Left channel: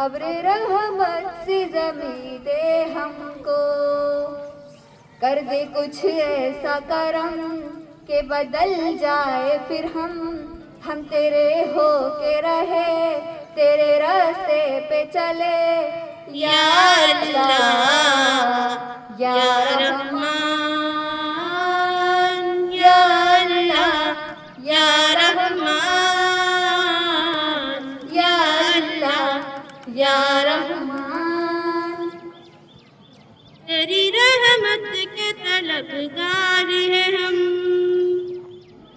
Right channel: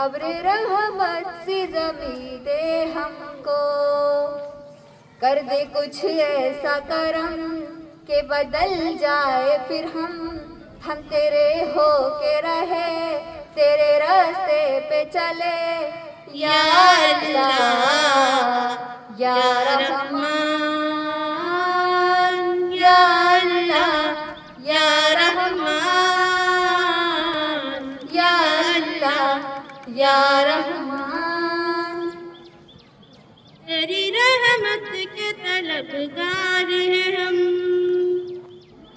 अब्र रहमत से ज़मीं दे हमको, कर दे कुछ ऐसा करम के बदल जाए फिर हम तेरे हो के रहे, तेरे रास्ते पे चले। या अल्लाह या रहमान, या अल्लाह या रहमान, या अल्लाह या रहमान। तेरी रहमत के तलबगार है हम,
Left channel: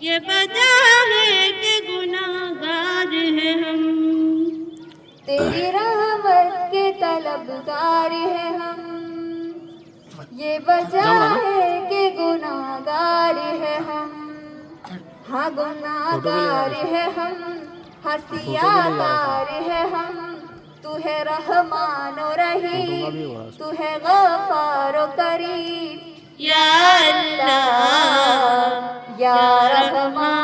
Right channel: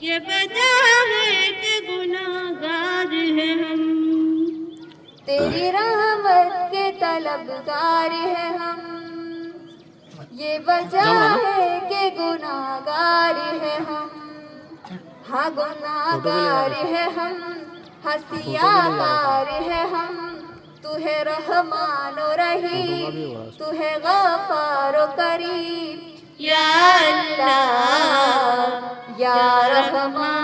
ये वजह है कि गुनाहगार है हम। तेरी रहमत के तलबगार है हम, ये वजह है कि गुनाहगार है हम। हाँ गुनाहगार है हम, हसियाकार है हम। तू है रहमान और रहीम, तू है गफ्फार और करीम। या अल्लाह या रहमान,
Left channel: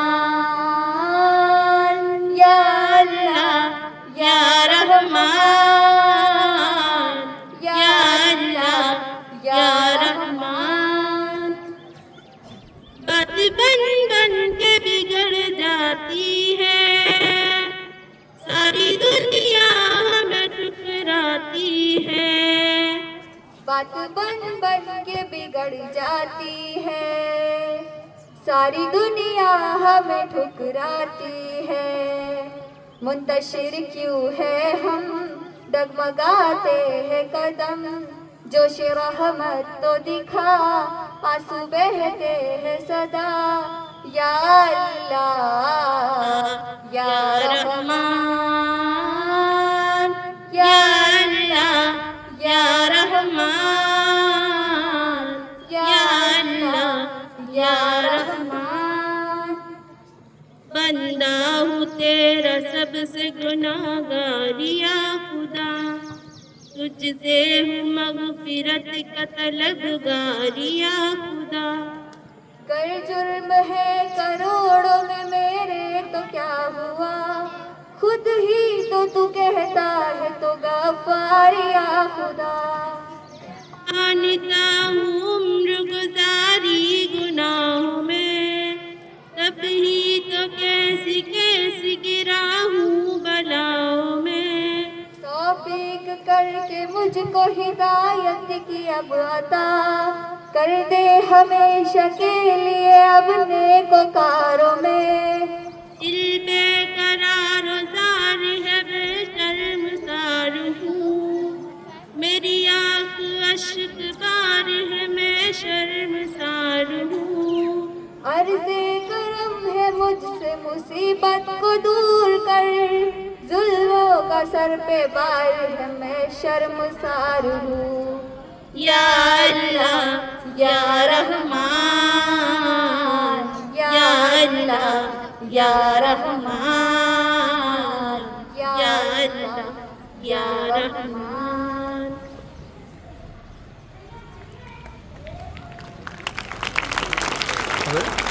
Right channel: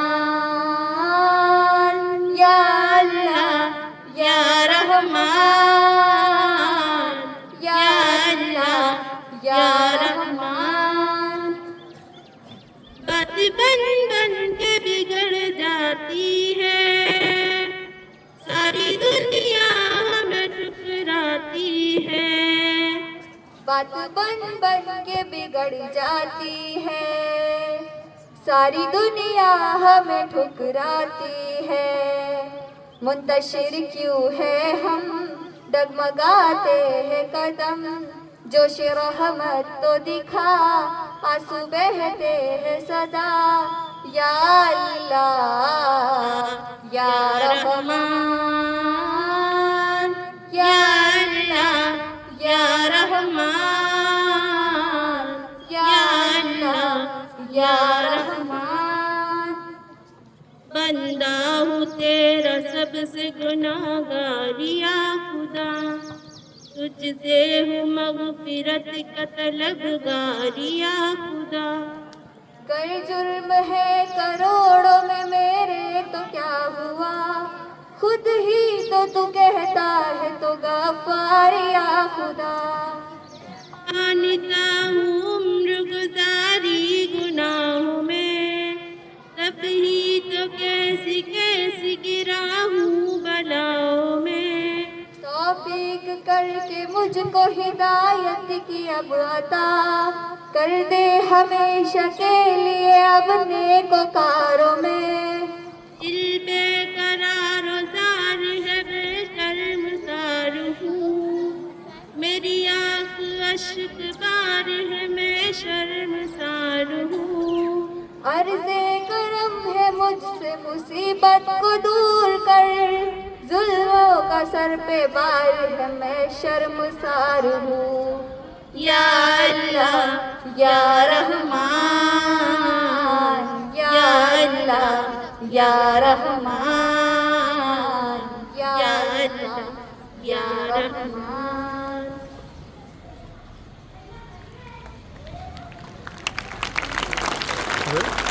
या अल्लाह या रहमान, या अल्लाह या रहमान। बात बन बन के बिगड़ जाती है, सारी दुनिया हमें ठुकराती है। बात बन बन के बिगड़ जाती है, सारी दुनिया हमें ठुकराती है। मुंतशिर क्यों है हम, डगमगाते हैं कदम। जोश रहमत तो दिखा, आंसू बहते हैं सदा। या अल्लाह या रहमान, या अल्लाह या रहमान, या अल्लाह या रहमान। बंदा हूँ तेरा सबसे गुनाहगार या खुदा, तुझसे हूँ मग़फ़िरत का तलबगार या खुदा। कर जुर्म है करोड़ों में मेरे तो क्या हुआ, खुद ही तो तू कहता है तो गफ्फार या खुदा। जानता हूँ उम्र गुज़ारी गुनाहों में, तब ही तो कैसी कैसी गिरा हूँ बलाओं में। तौफीक करके मुझको हिदायत की अब अता, कर दे हमेशा के लिए अपने को कारों में। दिल बेकरार ज़ार है, बेशर्मसार हूँ, मेरी आँख अश्क बार है, मैं शर्मसार हूँ। अर्ज़े करम है मुझसे मुसीबत को दूर कर, जुल्मों का सर पे बार है, मैं शर्मसार हूँ। या अल्लाह या रहमान, या अल्लाह या रहमान, या अल्लाह या रहमान। A ver.